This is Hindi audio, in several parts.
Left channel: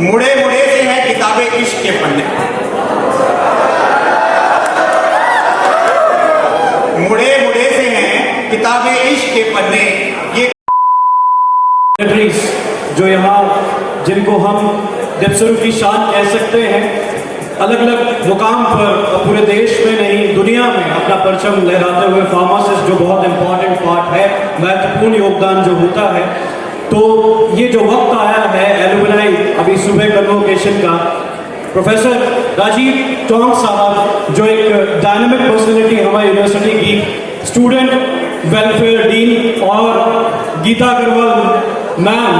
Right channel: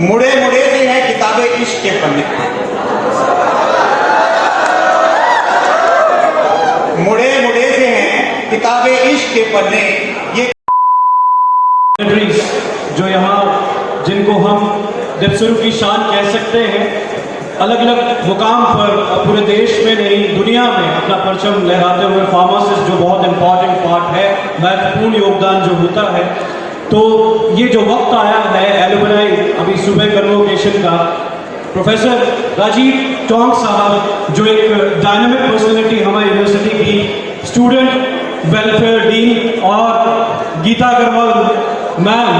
मुड़े मुड़े से हैं किताबें इश्क के पन्ने, मुड़े मुड़े से हैं किताबें इश्क के पन्ने। ये जो यहाँ जिनको हम डिप्सरू की शान कह सकते हैं, अलग अलग मुकाम पर पूरे देश में नहीं दुनिया में अपना परचम लहराते हुए फार्मासिस्ट जो बहुत इंपॉर्टेंट पार्ट है, महत्वपूर्ण योगदान जो होता है। तो ये जो वक्त आया है एलुमनाई अभी सुबह कन्वोकेशन का, प्रोफेसर राजीव टोंग साहब जो एक डायनामिक पर्सनैलिटी हमारी यूनिवर्सिटी की स्टूडेंट वेलफेयर डीन, और गीता अग्रवाल मैम,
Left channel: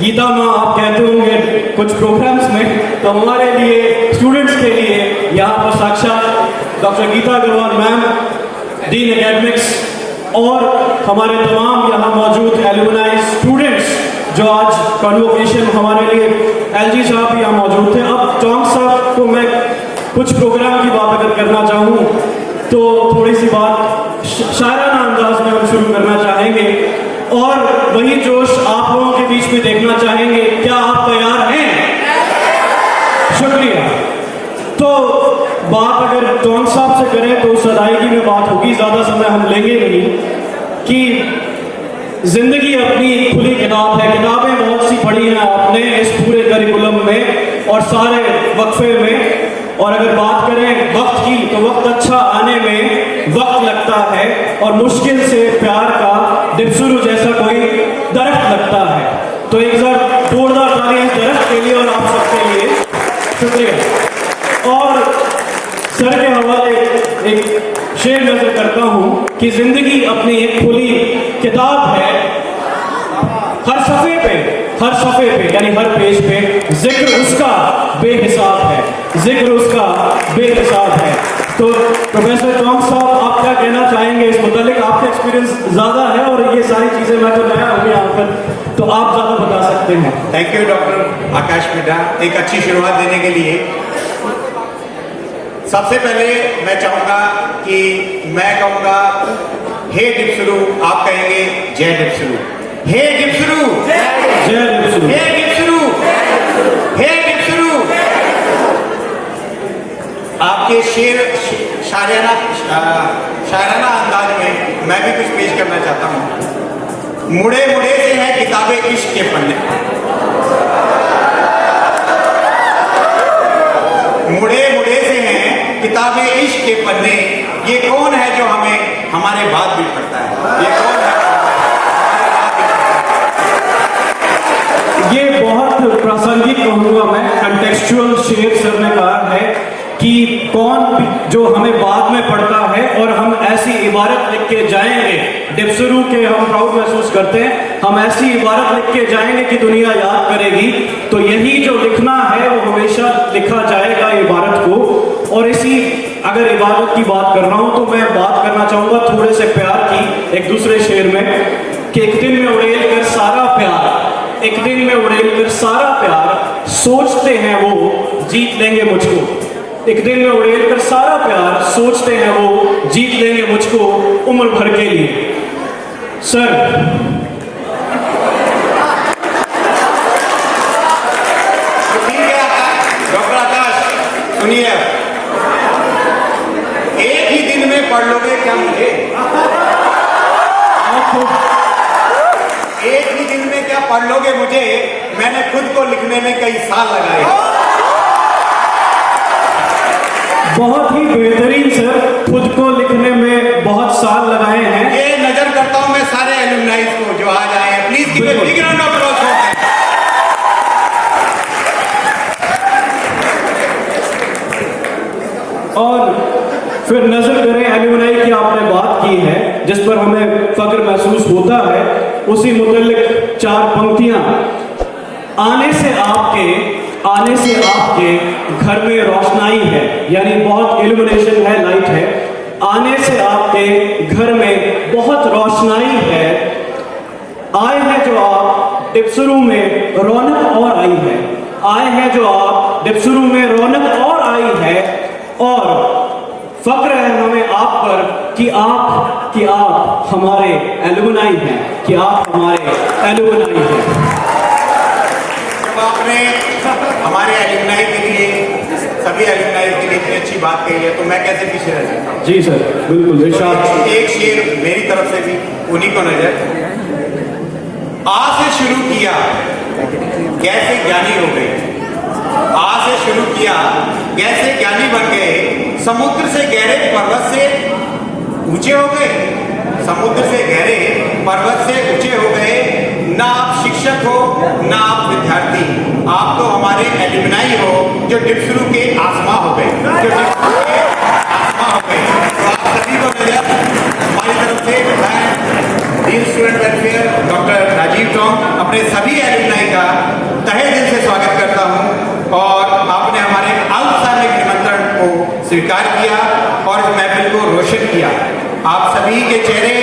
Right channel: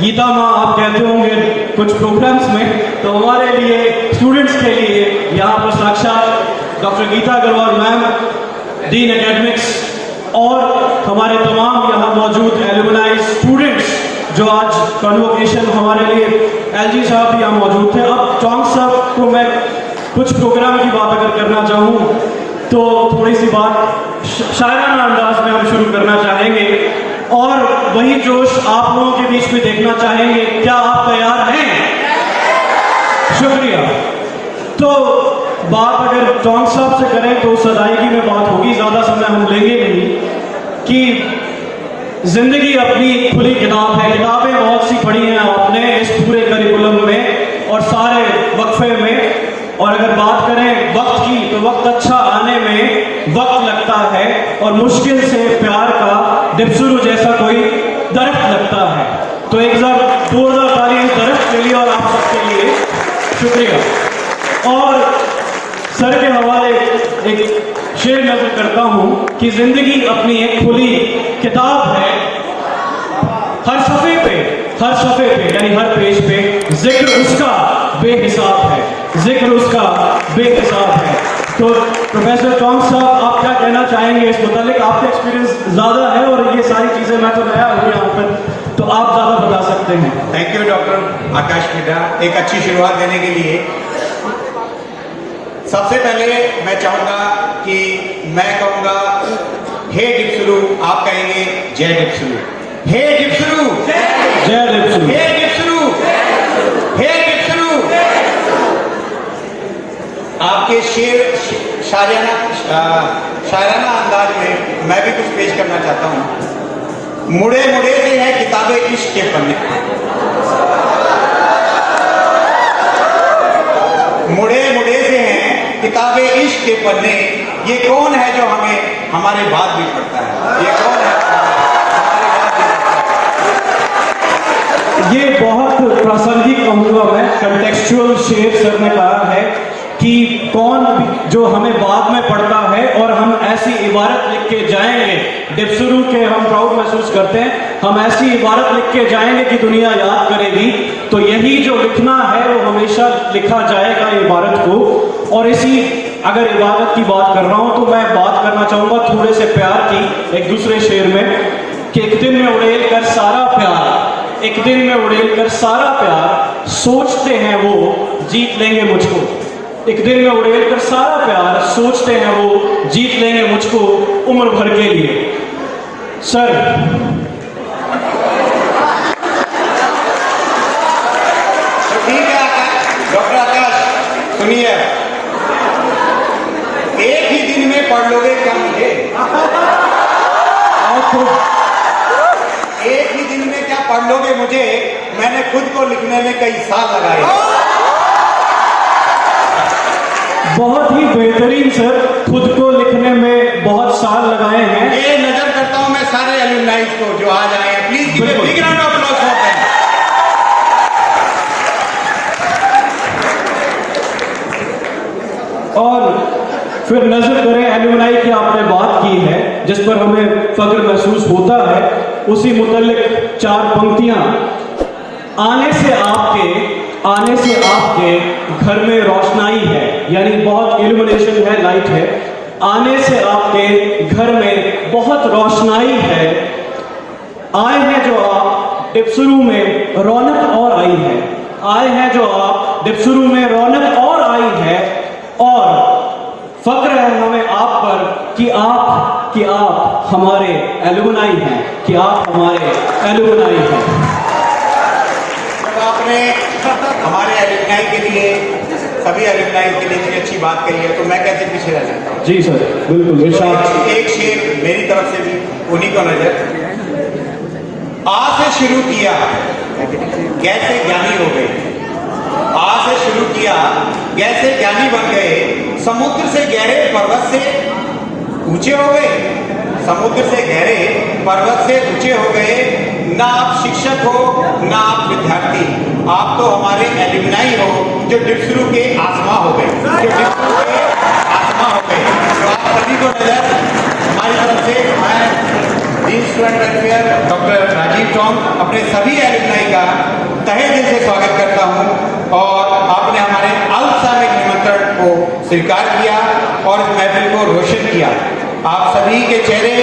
गीता माँ आप कहते होंगे कुछ प्रोग्राम्स में, तो हमारे लिए स्टूडेंट्स के लिए यहाँ पर साक्षात doctor Geeta Agarwal ma'am, dean academics, और हमारे तमाम यहाँ मौजूद एलुमनाई स्टूडेंट्स जो आज कन्वोकेशन हमारे लिए, एलजी साहब भी यहाँ मौजूद थे। अब टोंग साहब को मैं कुछ प्रोग्राम की बात अगर करना चाहूँ तो थोड़ी सी बात शायराना अंदाज में हम शुरू करना चाहेंगे और वही जोश आप लोगों के बीच में देखना चाहेंगे। क्या आप तैयार हैं? शुक्रिया। तो बात अगर टोंग साहब से करें तो सदाईगी में बात होगी, ज्यादा समय हम लेंगे नहीं, कि जिंदगी अपनी खुली किताब है, किताबें बहुत सी पढ़ी हैं आपने इस पूरे करिकुलम में और सारे वक्फे में। और अगर बात करें वक्त की तो वक्त अच्छा आने में वक्त लगता है और मुश्किल से प्यार का डिप्सरू जैसा कोई दरख्त लगता है। तो एक बार जोरदार तालियां इस दरख्त के लिए और आप सबके लिए। शुक्रिया। और सर के हवाले एक शेर नजर करता हूं कि जिंदगी अपनी एक खुली किताब है, हर सफ़े पे यानी हर पेज पे जिक्र उसका बेहिसाब है, जिक्र उसका बेहिसाब है। तो प्रोफेसर टोंग साहब आप क्या कहना चाहेंगे इस मुतालिक? आपका एक्सपीरियंस ज़्यादा है और ये सारी चीज़ें मैं तो नया हूँ यहाँ पर, तो आप ज़्यादा बता सकते हैं। थैंक यू डॉक्टर आकाश मिश्रा, एक अच्छी शुरुआत देने के लिए। सबसे पहले मैं चाहूँगा कि मैं कहूँगा हे डिप्सरू, आप कहेंगे जय डिप्सरू। हे डिप्सरू, जय डिप्सरू, हे डिप्सरू, हे डिप्सरू। आपके शायराना अंदाज में मैं भी कुछ पेश करना चाहता हूँ। मुड़े मुड़े से हैं किताबें इश्क के पन्ने, मुड़े मुड़े से हैं किताबें इश्क के पन्ने। ये कौन है जो हमें हमारे बाद भी पढ़ता है? ये कौन है? ये बहुत प्रासंगिक कहूँगा मैं, कंटेक्चुअल शेर सर ने कहा है कि कौन भी जो हमें बाद में पढ़ता है, और हम ऐसी इबारत लिख के जाएंगे, डिप्सरू के हम प्राउड महसूस करते हैं, हम ऐसी इबारत लिख के जाएंगे कि दुनिया याद करेगी। तो यही जो लिखना है वो हमेशा लिखा जाएगा इबारत को। और इसी अगर इबारत की बात कर रहा हूँ तो मैं बात करना चाहूँगा थोड़े से प्यार की, एक दूसरे शेर में, कि एक दिन में उड़ेल कर सारा प्यार, एक दिन में उड़ेल कर सारा प्यार, सोचते हैं वो जीत लेंगे मुझको। एक दिन में उड़ेल कर सारा प्यार, सोचते हैं वो जीत लेंगे मुझको उम्र भर के लिए। सर ठीक है डॉक्टर आकाश, सुनिए, एक ही दिन में पढ़ लोगे क्या मुझे? एक ही दिन में क्या पढ़ लोगे मुझे? मैंने खुद को लिखने में कई साल लगाए। बहुत ही बेहतरीन सर, खुद को लिखने में बहुत साल लगाए हैं। ये नजर करता हूं मैं सारे एलुमनाइज को जो आज आए हैं, please give a big round of applause for them. और फिर नजर करें एलुमनाई की आपने बात की है जिस पर हमें फख्र महसूस होता है, उसी मुतल्लिक चार पंक्तियां। आने से आपके घर में रोशनाई है, यानी बहुत इल्यूमिनेशन है, लाइट है। आने से आपके घर में बहुत रोशनाई है। आए हैं जो आप डिप्सरू में रौनक और आई है, आए हैं जो आप डिप्सरू में रौनक और आई है। और फख्र है हमें आप पर कि आप हमारे एलुमनाई हैं, कि आप हमारे एलुमनाई हैं। जब आपने हमारे एलुमनाई के लिए, सभी एलुमनाई के लिए इतनी अच्छी बात कही है, तो मैं कैसे पीछे रह सकता। जी सर, बिल्कुल इरशाद। एक शेर मेरी तरफ से भी उन्हीं को नजर। आ से शुरू किया कैसे ज्ञानी हो गए, आ से शुरू किया कैसे ज्ञानी बन गए, समुद्र से गहरे पर्वत से ऊंचे हो गए, समुद्र से गहरे पर्वत से ऊंचे हो गए। ना आप शिक्षक हो ना आप विद्यार्थी, आप तो हमारे एलुमनाई हो जो डिप्सरू के आसमां हो गए, जो डिप्सरू के आसमां हो गए। तो आप सभी को नजर हमारी तरफ से मैं dean student welfare doctor Rajiv Tong अपने सभी एलुमनाई का तहे दिल से स्वागत करता हूं, और आपने हमारे औपचारिक निमंत्रण को स्वीकार किया और इस महफिल को रोशन किया। आप सभी के चेहरे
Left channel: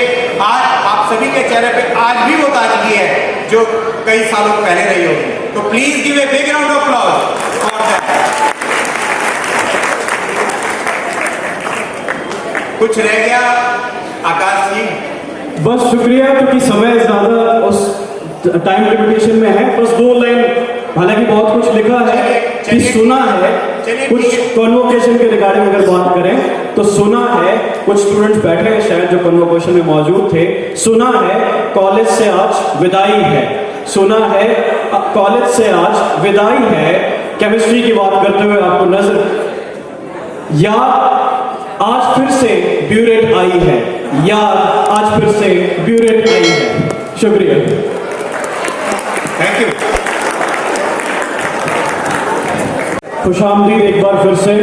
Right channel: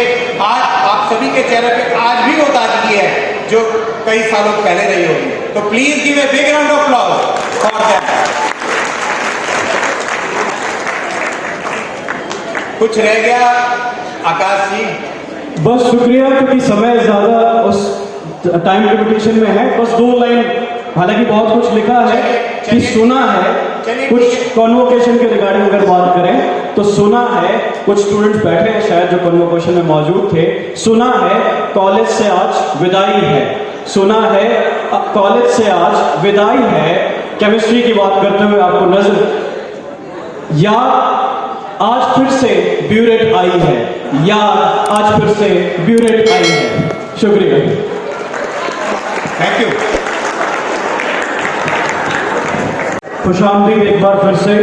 आज, आप सभी के चेहरे पे आज भी वो ताजगी है जो कई सालों पहले रही होगी। तो please give a big round of applause for that. कुछ रह गया आकाश जी? बस शुक्रिया, क्योंकि समय ज्यादा उस टाइम लिमिटेशन में है। बस 2 लाइन, हालांकि बहुत कुछ लिखा है कि सुना है, कुछ कॉन्वोकेशन के रिगार्डिंग अगर बात करें तो सुना है, कुछ स्टूडेंट्स बैठे हैं शायद जो कॉन्वोकेशन में मौजूद थे। सुना है कॉलेज से आज विदाई है, सुना है कॉलेज से आज विदाई है। केमिस्ट्री की बात करते हुए आपको नजर, या आज फिर से ब्यूरेट आई है, या आज फिर से ब्यूरेट आई है। शुक्रिया, थैंक यू। खुशामदीद एक बार फिर से,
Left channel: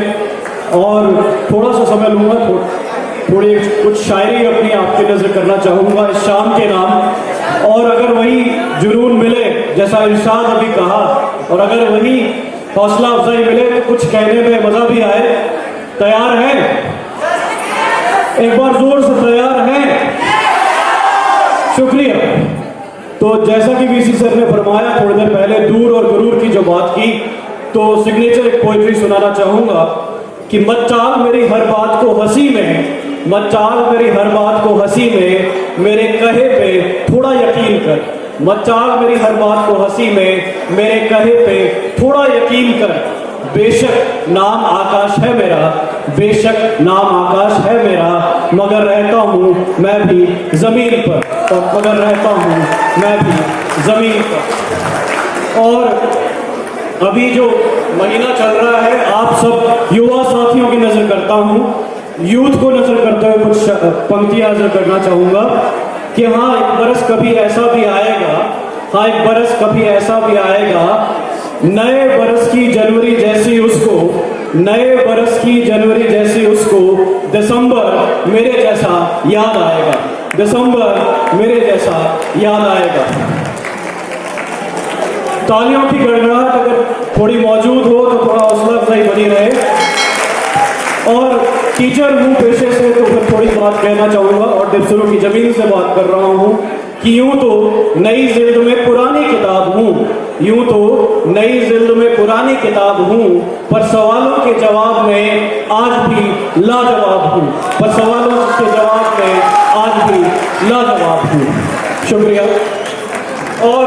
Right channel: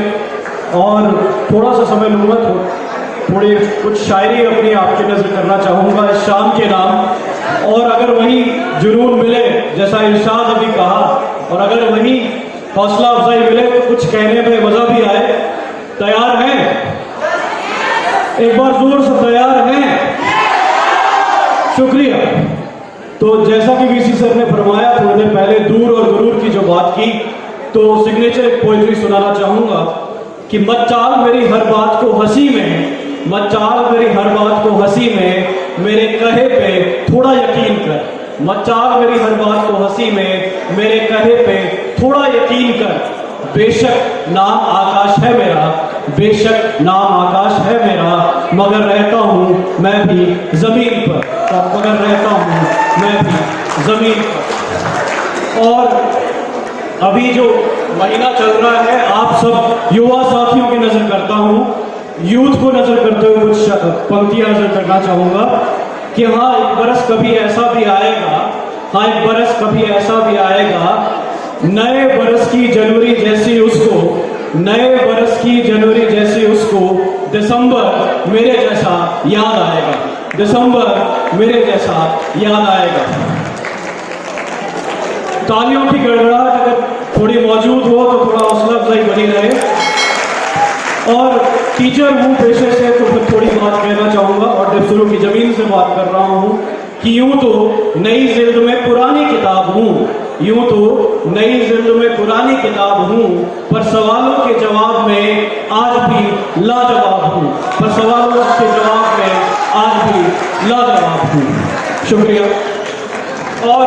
और थोड़ा सा समय लूंगा, थोड़ी कुछ शायरी अपनी आपकी नजर करना चाहूंगा इस शाम के नाम। और अगर वही जुनून मिले जैसा इरशाद अभी कहा, और अगर वही हौसला अफजाई मिले तो कुछ कहने में मजा भी आए। तैयार हैं? एक बार जोर से तैयार हैं? शुक्रिया। तो जैसा कि वीसी सर ने फरमाया थोड़ी देर पहले, दूर और गुरूर की जो बात की, तो सिग्नेचर एक पोइट्री सुनाना चाहूंगा कि मत टाल मेरी हर बात को हंसी में, मत टाल मेरी हर बात को हंसी में, मेरे कहे पे थोड़ा यकीन कर। मत टाल मेरी हर बात को हंसी में, मेरे कहे पे थोड़ा यकीन कर। बेशक नाम आकाश है मेरा, बेशक नाम आकाश है मेरा, मगर रहता हूँ मैं भी जमीन पर, मगर रहता हूँ मैं भी जमीन पर। और अभी जो महीना चल रहा है, आप सब युवा साथियों की नजर करता हूँ, यूथ को नजर करते हुए कुछ पंक्तियां नजर करना चाहूंगा कि हाँ, एक बरस कभी ऐसा भी आएगा, हाँ एक बरस कभी ऐसा भी आएगा, नए बरस की जनवरी जैसी उसको, नए बरस की जनवरी जैसी उसको, दिसंबर मेरे जैसा याद आएगा, दिसंबर मेरे जैसा याद आएगा। तालियों की गड़गड़ाहट अगर थोड़ी मौजूद हो तो थोड़ा हौसला अफजाई बनी रहे। और टीचर हूँ पेशे से, तो फिर थोड़ी बात कहना चाहूँगा, और डिप्सरू की जमीन से बात कर रहा हूँ कि यूं तो नई जिल्द में पुरानी किताब हूँ, यूं तो नई जिल्द में पुरानी किताब हूँ, पर सवालों के जवाब में आज भी लाजवाब हूँ, पर सवालों के जवाब में आज भी लाजवाब हूँ। शुक्रिया। और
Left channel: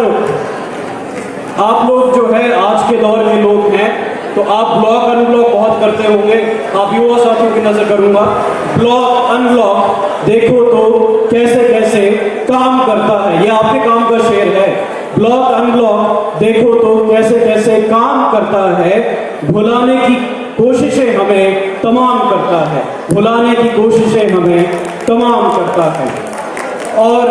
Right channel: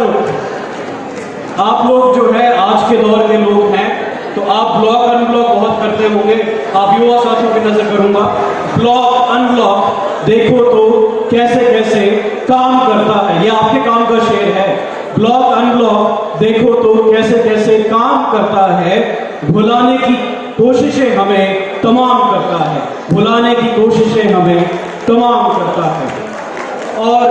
आप लोग जो है आज के दौर के लोग हैं, तो आप ब्लॉक अनब्लॉक बहुत करते होंगे। आप युवा साथियों की नजर करूंगा, ब्लॉक अनब्लॉक देखो तो कैसे कैसे काम करता है, ये आपके काम का शेर है। ब्लॉक अनब्लॉक देखो तो कैसे कैसे काम करता है, भुलाने की कोशिशें हमें तमाम करता है, भुलाने की कोशिशें हमें तमाम करता है। और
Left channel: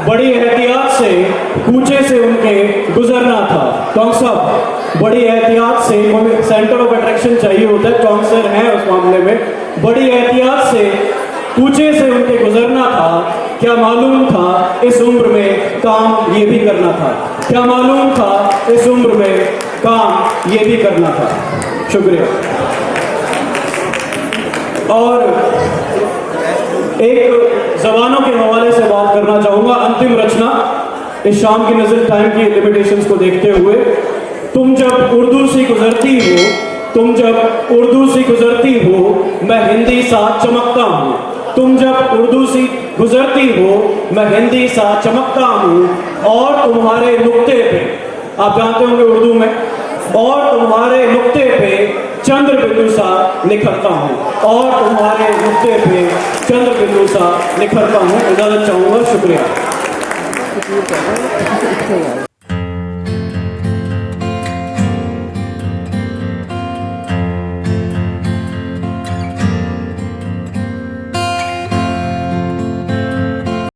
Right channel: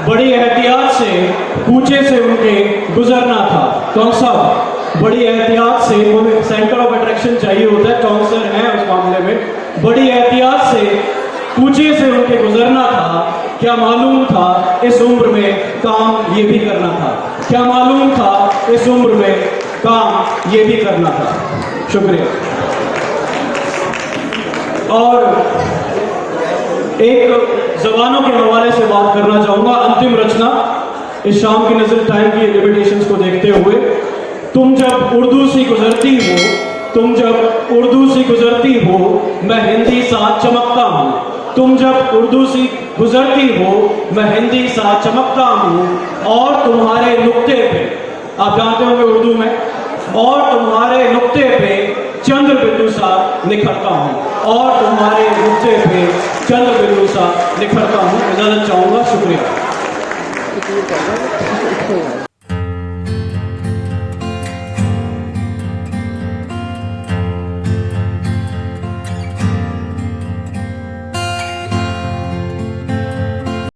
बड़ी एहतियात से कूचे से उनके गुजरना था। टोंग साहब, बड़ी एहतियात से, हमें सेंटर ऑफ अट्रैक्शन चाहिए होता है, टोंग सर हैं उस मामले में। बड़ी एहतियात से कूचे से उनके गुजरना था, क्या मालूम था इस उम्र में काम ये भी करना था, क्या मालूम था इस उम्र में काम ये भी करना था। शुक्रिया। और एक जबानों के हवाले से बात करना चाहूंगा, अंतिम रचना इस शाम की नजर टाइम की लिमिटेशंस को देखते हुए। तुम जब उर्दू सी गुजरती हो, तुम जब उर्दू सी गुजरती हो, मैं हिंदी सा चमकता हूँ, तुम जब उर्दू सी गुजरती हो, मैं हिंदी सा चमकता हूँ, और तुम्हारे नुक्ते पे, आप जानते होंगे उर्दू में, और तुम्हारे नुक्ते पे चंद्र बिंदु सा निखरता हूँ, और तुम्हारे नुक्ते पे चंद्र बिंदु सा निखरता हूँ। इजाजत चाहूँगा, शुक्रिया।